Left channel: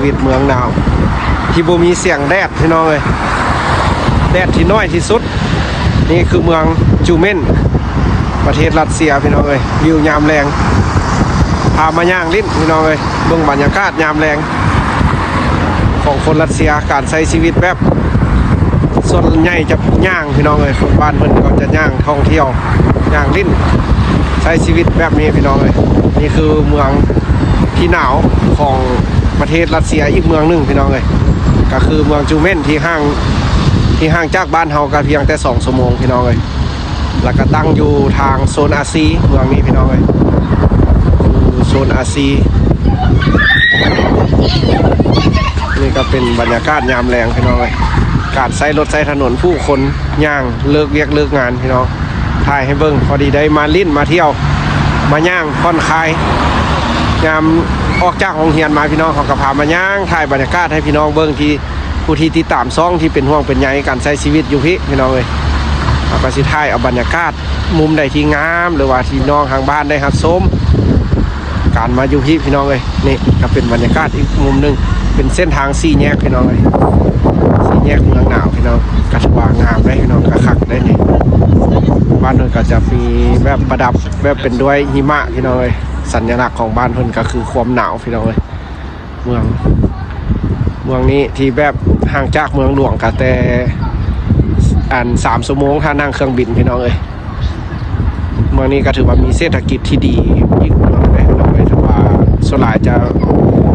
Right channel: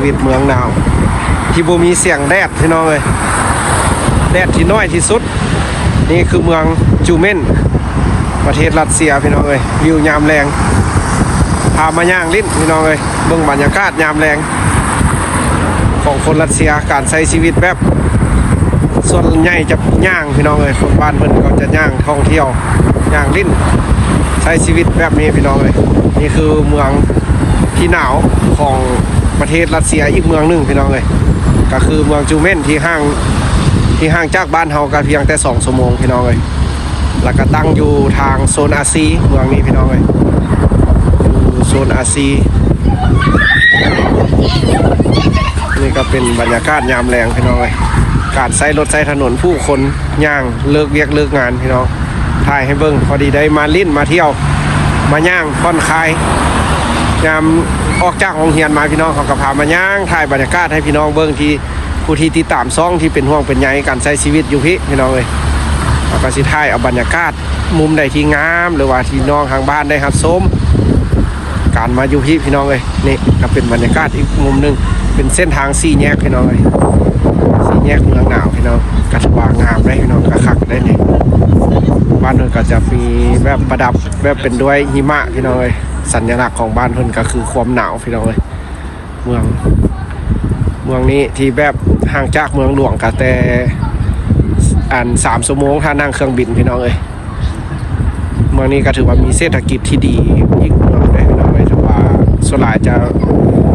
ชีวิตเมืองหนาวที่บ่มีเสียงแดดพี่น้องเลยแดดที่น้อยที่สุดนี่คือเมืองจูเมนประเทศรัสเซียพี่น้องเลยวิวยามแรงพามาย่างลิ้นพี่น้องเลยเบื้องบรรยากาศยามแรงของคนรัสเซียการใช้ชีวิตแบบส่วนใหญ่จะย่างพี่น้องเลยคนบ้านเพิ่นก็จะย่างท่องเที่ยวย่างลิ้นใช้ชีวิตแบบนี้พี่น้องเลยนี่คือเมืองที่หนาวของประเทศรัสเซียอีกเมืองหนึ่งพี่น้องเลยก็คือเมืองจูเมนที่ห่างจากบ้านเฮาก็เพียงแต่2 ชั่วโมงพี่น้องเลยแล้วก็ตั้งอยู่ทางโซนอาซีเมืองนี้พี่น้องเลยอยู่โซนอาซีนี่ก็เป็นบรรยากาศยามแรงพี่น้องเลยการใช้รถใช้ถนนผู้คนย่างเลิกเวียกเลิกงานพี่น้องถ่ายให้เบิ่งพอดีได้มาลิ้นมาเที่ยวมาย่างผ่อนคลายยามออกจากโรงเรียนมาพี่น้องเขาก็พามาย่างถ่ายบรรยากาศให้พี่น้องเบิ่งที่ผู้ที่ติดตามซ่องที่เป็นห่วงเป็นใยการใช้ชีวิตอยู่พี่น้องเลยเอาก็สิถ่ายเอาบรรยากาศมุมใดที่งามหรือว่าที่น้องทางบ้านได้รับชมการมาอยู่พี่น้องเลยนี่ก็เป็นบรรยากาศอีกมุมนึงเป็นเส้นทาง4 แยกพี่น้องเลย4 แยกเมืองหนาวพี่น้องกระวางงามได้พี่น้องกระคักได้นี่บ้านเพิ่นก็จะมีแบบประดับแบบเป็นด้วยหิมะพี่น้องเลยสัญลักษณ์ของบ้านเพิ่นก็คือความหนาวพี่น้องเลยเมืองนี้ที่แบบห่างจากเมืองหลวงก็แต่3 ชั่วโมงถ้านั่งเครื่องบินพี่น้องเลยเมืองนี้ก็ถือว่ามีเศรษฐกิจที่ดีอีกเมืองเลยพี่น้องเลยถือว่าส่วนหลายจะ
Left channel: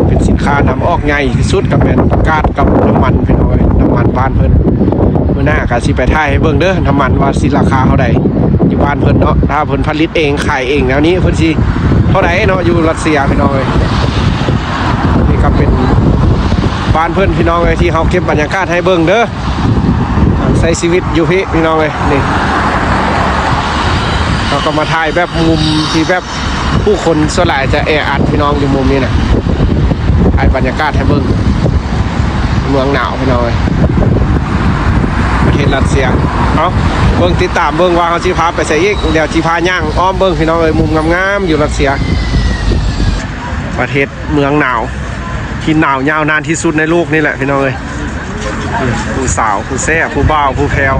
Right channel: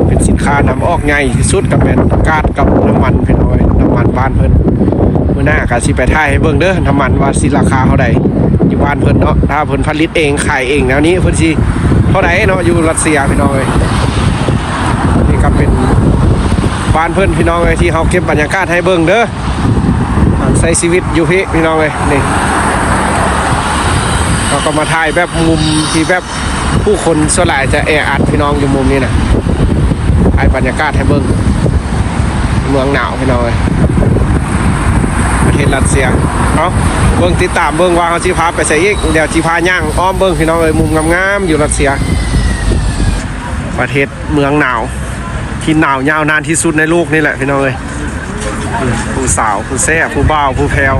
เป็นสินค้านำออกใหญ่ที่สุดกับเป็นก๊าซกับน้ำมันพี่น้องเลยน้ำมันบ้านเพิ่นเมื่อหน้าก็สิไปถ่ายให้เบิ่งเด้อน้ำมันว่าสิราคาเท่าใดอยู่บ้านเพิ่นเนาะถ้าเพิ่นผลิตเองขายเองแล้วนี้เพิ่นสิเท่าใดเนาะอยู่รัสเซียพี่น้องเลยนี่ก็เป็นบ้านเพิ่นพี่น้องเลยที่เขาเก็บบรรยากาศให้เบิ่งเด้อใช้ชีวิตอยู่พี่น้องเลยนี่เราก็มาถ่ายแบบมุมที่แบบผู้คนส่วนใหญ่จะแออัดพี่น้องอยู่มุมนี้นะถ่ายบรรยากาศให้เบิ่งเมืองหนาวพี่น้องเลยประเทศรัสเซียเอาเบิ่งติดตามเบิ่งว่าเขาสิพาไปใส่อีกเดี๋ยวสิพาย่างอ้อมเบิ่งพี่น้องเลยมุมงามๆอยู่รัสเซียประเทศเมืองหนาวที่หนาวยาวนานที่สุดในโลกนี่แหละพี่น้องเลยผู้สาวผู้แซ่ผู้บ่าวผู้แพรว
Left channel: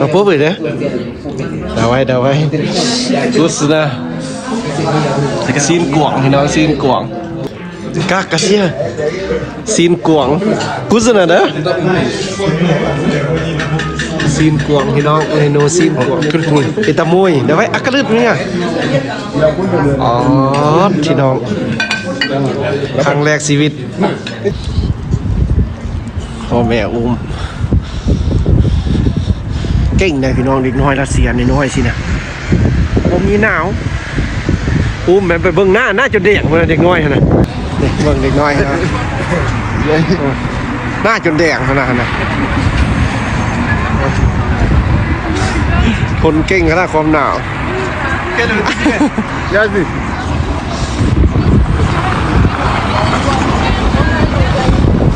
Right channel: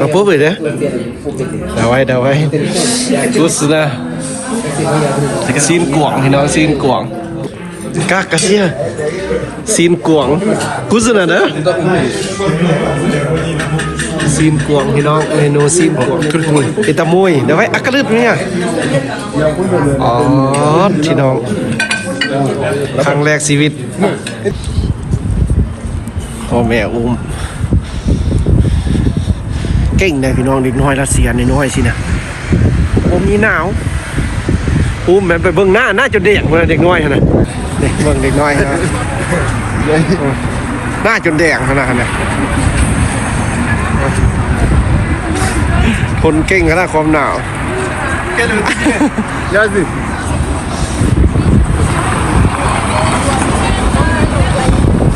ต้องพูดไปเลยเดาไว้รู้สึกนะซีนกวงพี่น้องซีนกวงกากระเทียซีนกวงกูสนะเด้อซีนกวงพี่น้องเมนูซีนกวงกิตามุยเดี๋ยวไว้อักกระดึ๊ดเนี่ยอ๋อพี่น้องครั้งแรกชีวิตพ่อแม่อุ้มเก่งเลยพี่น้องเด็กน้อยรัสเซียน้อยสินะผมมีหนาวอุ้มแบบไปเบิ่งหน้าจนเด็กเมื่อเด็กน้อยนะนี่เบิ่งเด็กน้อยนะหน้าจนแดงขนาดนั้นทนเก่งก็ได้ความหนาวย้ายสิ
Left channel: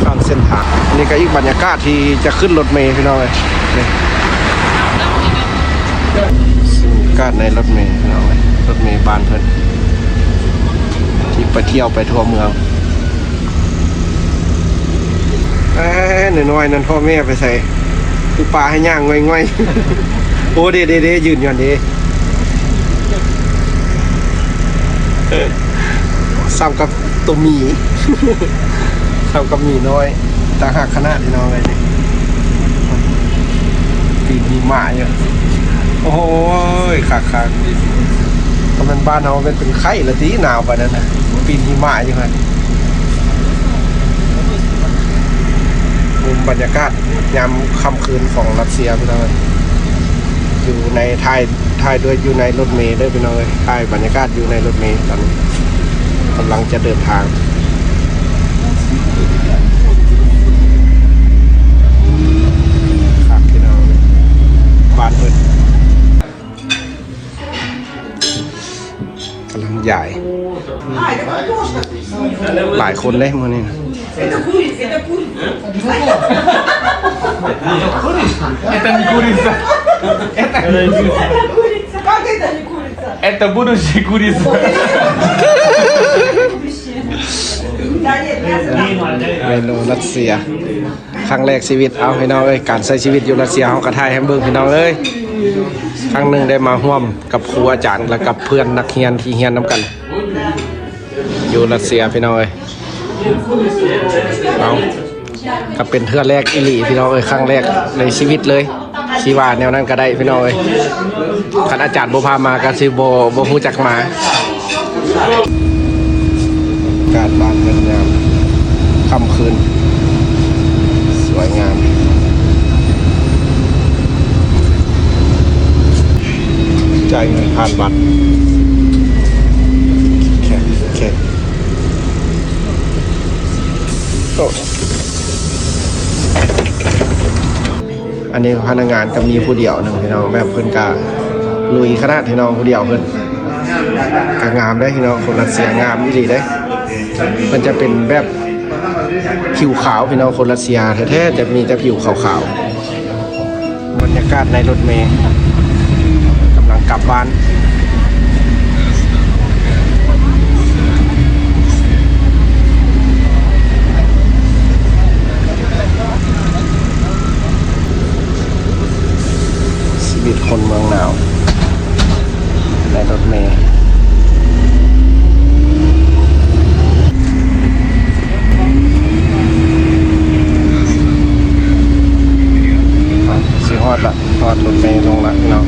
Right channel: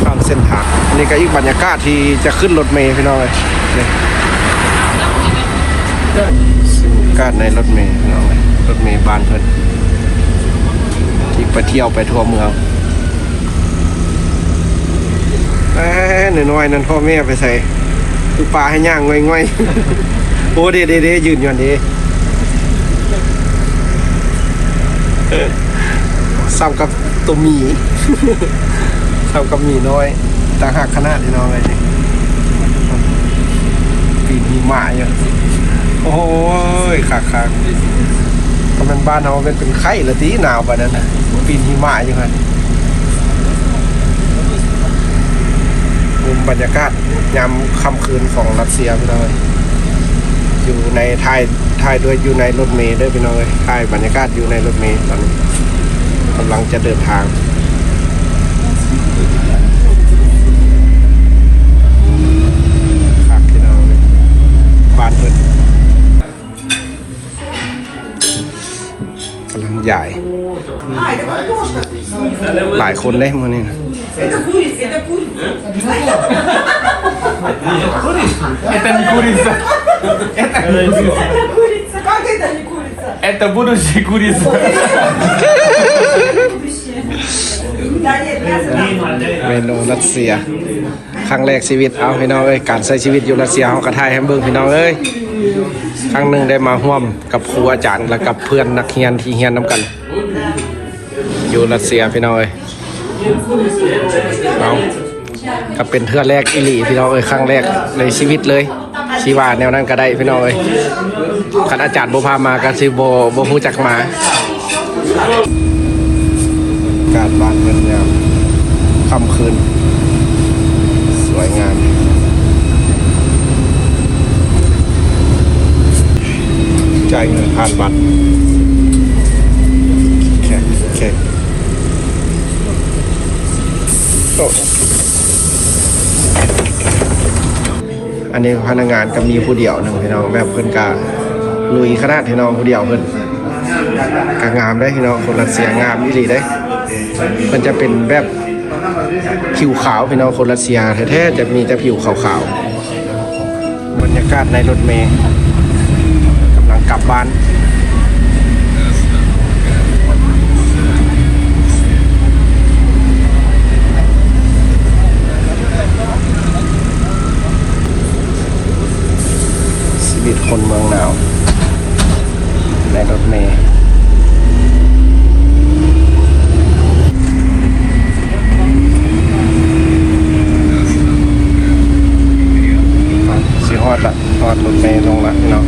ข้ามเส้นทางนี่ก็อีกบรรยากาศที่จะขึ้นรถเมล์พี่น้องเลยการในรถเมล์พี่น้องรถเมล์บ้านเพิ่นที่ไปเที่ยวไปทั่วเมืองน้อยนั่นพ่อแม่ไปใส่คือปลาให้ย่างง่อยๆโอ้เด้ยืนอยู่ดีซ้ำกับตัวหมีซ้ำกับหมีน้อยต่างหากขนาดที่น้องเลยนี่ปีนหิมะเนี่ยโอ้ยขาก็มันบ้านเราเป็นไข้ละทีหนาวไปนั่นนะปีนหิมะอย่างนั้นบรรยากาศยามค่ำคืนของรัสเซียพี่น้องอยู่ในถ่ายด้วยอยู่ในรถเมล์ด้วยพี่น้องเลยถ่ายบรรยากาศอยู่ในรถเมล์ตอนกำลังจะเดินทางครับพี่น้องบ้านเพิ่นกำลังใหญ่หลายคนเลยมันนี่นะ Это не курица. Это курица. Как это Это будущий курица. เมนูรัสเซียครั้งแรกชีวิตเอาพี่น้องเอ้ยการใช้ชีวิตอยู่รัสเซียเอากระทายแฮมเบอร์พี่น้องเอ้ยครั้งหนึ่งได้มาร่วมกับครูอาจารย์และกับเพื่อนนักเรียนที่เรียนน้ำกัน อยู่รัสเซียพี่น้องเอ้ยเอาก็เป็นเทื่อแรกอีหลีพี่น้องเอ้ยครั้งแรกในชีวิตเลยชีว่าแนวนั้นก็ได้พี่น้องเอ้ยคณาจารย์บุพามาก็สิบ่ฮู้จักมาบรรยากาศบ้านมันงามค่ำคืนสวยงามจ่ายเงินผ่านบัตรเช็คอันนี้พนักงานก็มีผู้เดียวหนึ่งพี่น้องแบบเพื่อนกาลุยขนาดพี่น้องผู้เดียวเพื่อนกางามได้พี่น้องคนรัสเซียงามดีได้มันจะเป็นแบบผิวขาวพี่น้องคนรัสเซียแท้ๆจะมีแต่ผิวขาวๆบรรยากาศในรถเมล์กำลังกลับบ้านชีวิตคนเมืองหนาวในรถเมล์ฮอดละฮอดรถเมล์ลงละเนาะ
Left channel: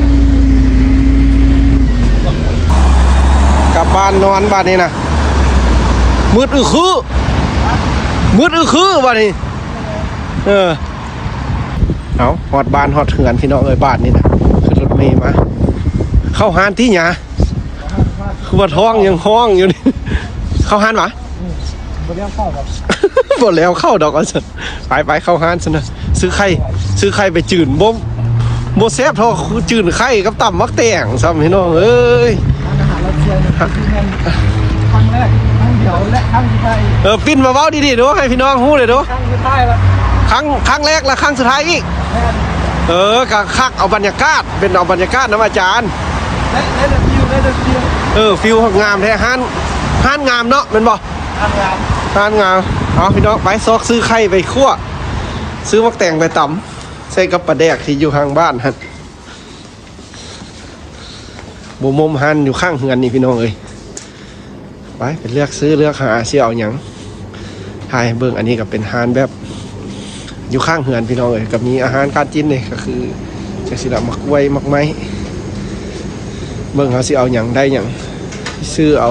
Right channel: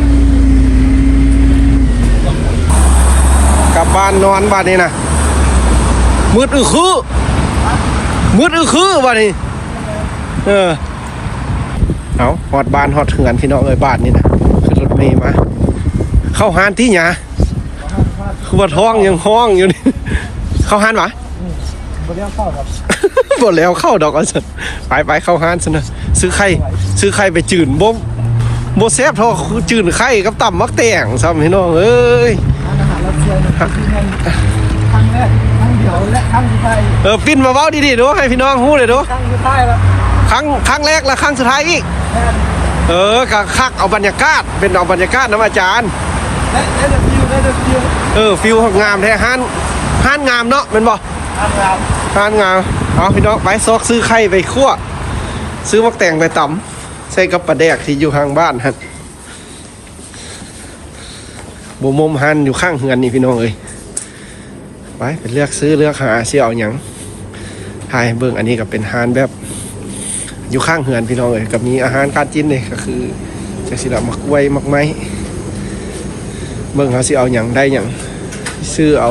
กลับบ้านนอนบ้านนี้นะมืดคือบ้านนี้เอาฮอดบ้านฮอดเหือนพี่น้องเอ้ยบ้านนี้นะขึ้นรถเมล์มาเข้าห้านที่หยาคือว่าท้องยังห้องอยู่นี่เข้าห้านวะบ่แล้วเข้าดอกบ่แล้วเข้าดอกเอาสิไปเข้าห้านซะนะซื้อไข่ไปจื่นบ่แซ่บเท่าจื่นไข่กับตำมักแตงซ้ำพี่น้องเอ้ยปิ้นมาเว้าดีๆเด้อให้พี่น้องฮู้เลยเด้อครั้งแรกและครั้งสุดท้ายอีกก็คักเอาบรรยากาศเป็นเอาบรรยากาศน้ำอาจารย์ฟิลงามแท้ห้านงามเนาะแม่นบ่ห้านงามเอาพี่น้องไปซอกซื้อไข่ไปคั่วซื้อมักแตงไปตำใส่กับปลาแดกที่อยู่ข้างบ้านฮะบุมมหันอยู่ข้างเฮือนนี่พี่น้องเลยไปเลือกซื้อเลือกหาเสี่ยวหยังถ่ายเบิ่งอันนี้ก็เป็นฮานแบบอยู่ข้างเฮือนพี่น้องเลยกับมีอาหารการกินนี่ก็คือจะสิละมักไว้มักไม้เบิ่งเอาเสี่ยวหยังได้หยังซื้อเอา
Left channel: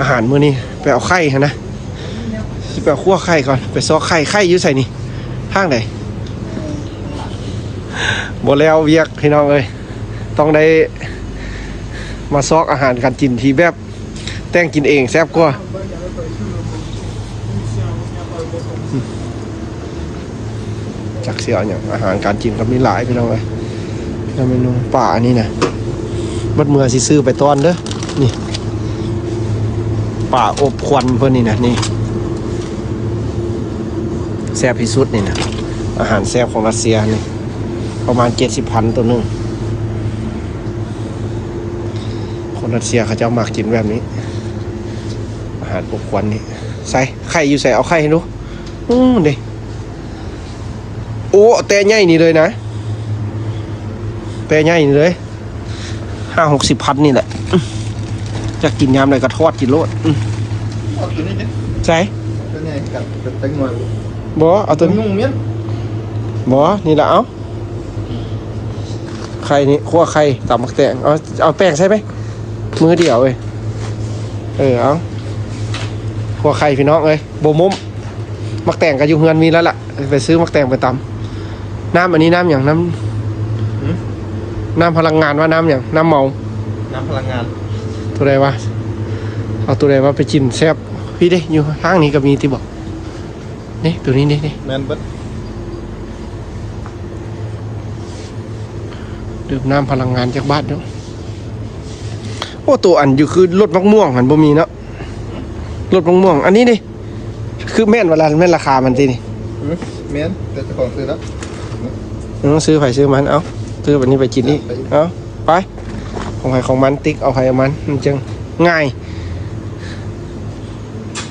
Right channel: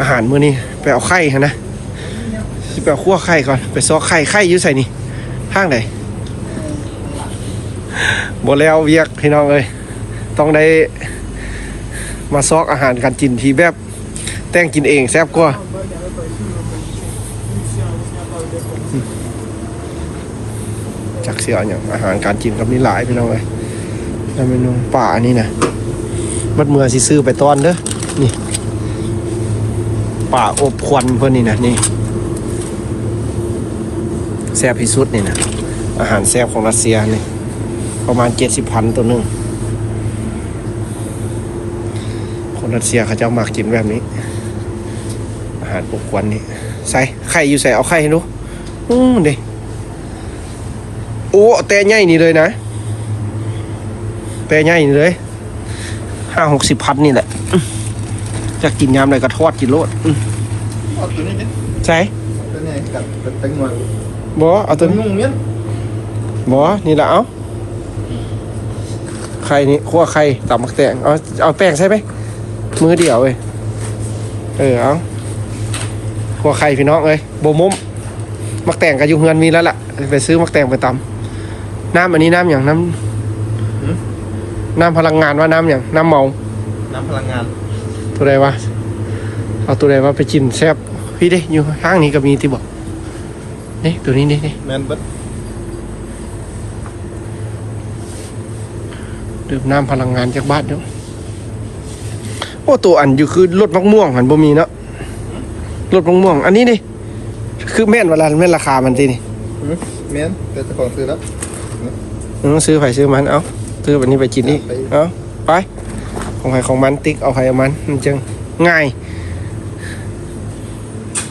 อาหารมื้อนี้ไปเอาไข่ฮะนะสิไปเอาคั่วไข่ก่อนไปซอกไข่อยู่ใส่นี่ข้างไหนบ่แล้วเวียกพี่น้องเลยต้องได้มาซอกอาหารการกินที่แบบแต่งกินเองแซ่บกว่าจักเสียอย่างอาหารการกินก็มีหลายพี่น้องเลยแล้วเมนูป่านี่นะบัดเมื่อสิซื้อไปตอนเด้อนี่ป่าอบควันเพื่อนนี่นะนี่แซ่บที่สุดนี่นะอาหารแซ่บของรัสเซียนี่ประมาณ70,000ตัวหนึ่งคนรัสเซียเขาจะมากินแบบนี้อาหารอบควันนี่ใส่ไข่อยู่ใส่เอาไข่ให้ดูเด็โอ้เตะใหญ่นี่เลยนะเตะใหญ่นี่เลย50-60 พันนี่แหละจะกินยามไหนก็ทอดกินโลดใช่บ่เอาตัวนี้บ่นี่แหละไข่นี่คั่วไข่ตำมักแตงเอาแป้งใช่ไหมมือเดียวเลยเอาคั่วไข่พี่น้องเลยโบมุมมักแตงกับยูเฮือนมีแล้วล่ะไปซื้อมักแตงไปตำน้ำอันนี้น้ำอย่างน้ำพลังงานว่าน้ำอย่างน้ำเมาน้ำพลังงานตัวใดวะเอาตัวใดวะไปกินแซ่บพี่ดิอยู่ข้างนี้ก็มีที่บอกนี่ตัวนี้นี่แมนบัดดื่มน้ำพลังงานจากบ้านเนาะโอ้ตัวอันอยู่คือรถมะม่วงอันบ่มีเนาะรถมะม่วงอันนี้นี่คือแม่นเวลาแม่นราคามันทีนี่แม่นเป็นเจ้าของซื้อแล้วซื้อไผ่ซื้อมันเอาซื้อวันนี้ไปกินนี่เอาไป ของใครของมันติ๊กเอาใครเอามันมันจึงง่าย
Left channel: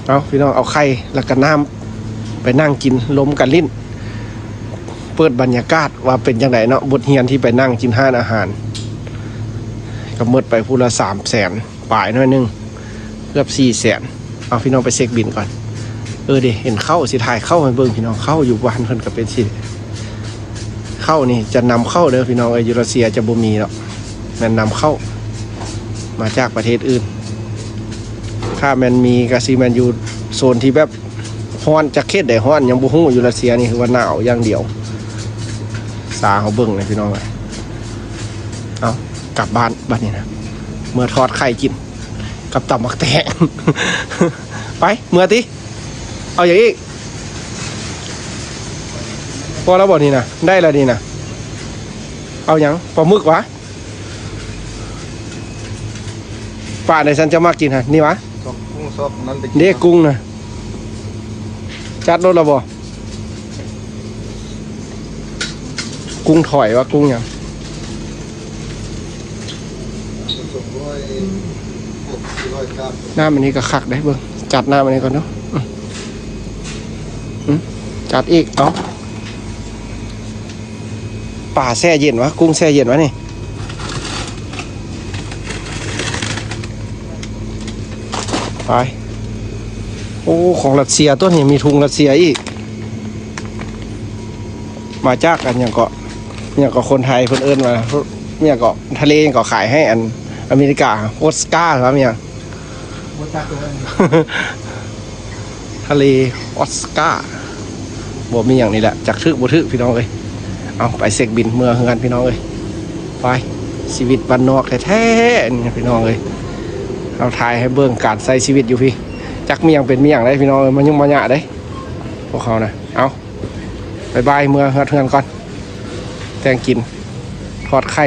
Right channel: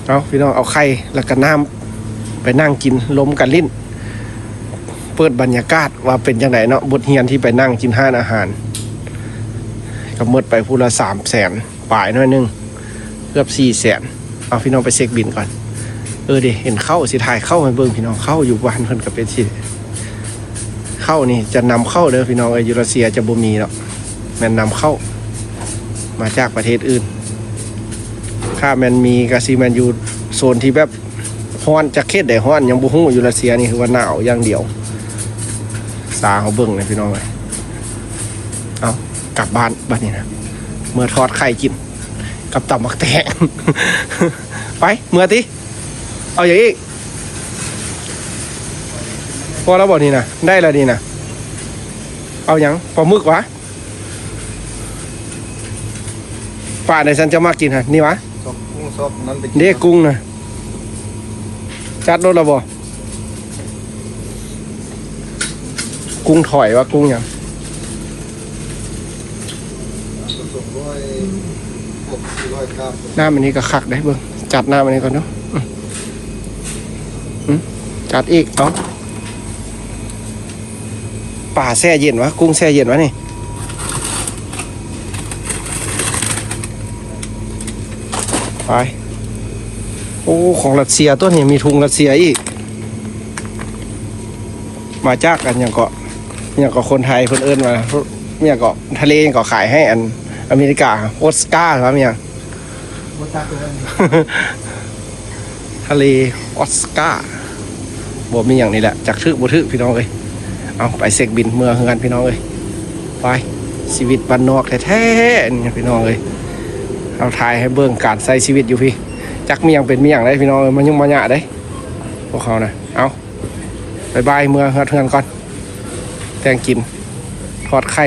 เอาพี่น้องเอาไข่แล้วก็น้ำไปนั่งกินลมกันลิ้นเปิดบรรยากาศว่าเป็นจังไหนเนาะบทเรียนที่ไปนั่งกินห้านอาหารก็หมดไปพูละ300,000ป่ายน้อยนึงเกือบ400,000เอาพี่น้องไปเช็คบินก่อนดิเห็นเข้าสิถ่ายเข้าให้เบิ่งพี่น้องเข้าอยู่บ้านเพิ่นก็เป็นสิเข้านี่จะนำเข้าเด้อพี่น้องอยู่รัสเซียจะบ่มีหรอกแม่นนำเข้ามาจากประเทศอื่นถ้ามันมีก็สิมันอยู่โซนที่แบบฮ้อนจักเขตใดฮ้อนยังบ่ฮู้อยู่รัสเซียนี่คือว่าหนาวอย่างเดียวสาเขาเบิ่งเลยพี่น้องเอากลับบ้านบัดนี้นะเมื่อทอดไข่กินกับตับมักแตง ไปเมื่อติเอาอย่างนี้พอแล้วบอกนี่นะได้แล้วนี่นะเอาอย่างปลาหมึกวะป่าในฉันจะมากินฮะนี่วะเด็กกุ้งนะจัดรถแล้วบ่กุ้งถอยวะกุ้งอย่างหน้ามันนี้ก็คักได้เบิ่งจัดหน้ามันนี้ก่อนเนาะจัดอีกเนาะป่าแช่เย็นวะกุ้งแช่เย็นวะนี่ไปโอ้ของรัสเซียตัวนี้มีทุงรัสเซียอีกมาจากกันอย่างก็คนไทยคนอื่นมาเนี่ยก็ทะเลก็ขายให้อันอเมริกาโอสการ์ครับเนี่ยทะเลออสการ์บ่มีอย่างนี้แหละจากทึกบ่ทึกพี่น้องเลยเอาไปเสกบินเมื่อเฮือนพี่น้องเลยไปชีวิตบ้านนอกแท้ๆนี่พี่น้องเลยเอาถ่ายให้เบิ่งการใช้ชีวิตอยู่พี่จักเมียงเป็นเมียงได้พี่น้องมันยุ่งมาหยาได้พวกเขานะเอาบายบายเมื่อเฮือนก่อนแตงกินทอดไข่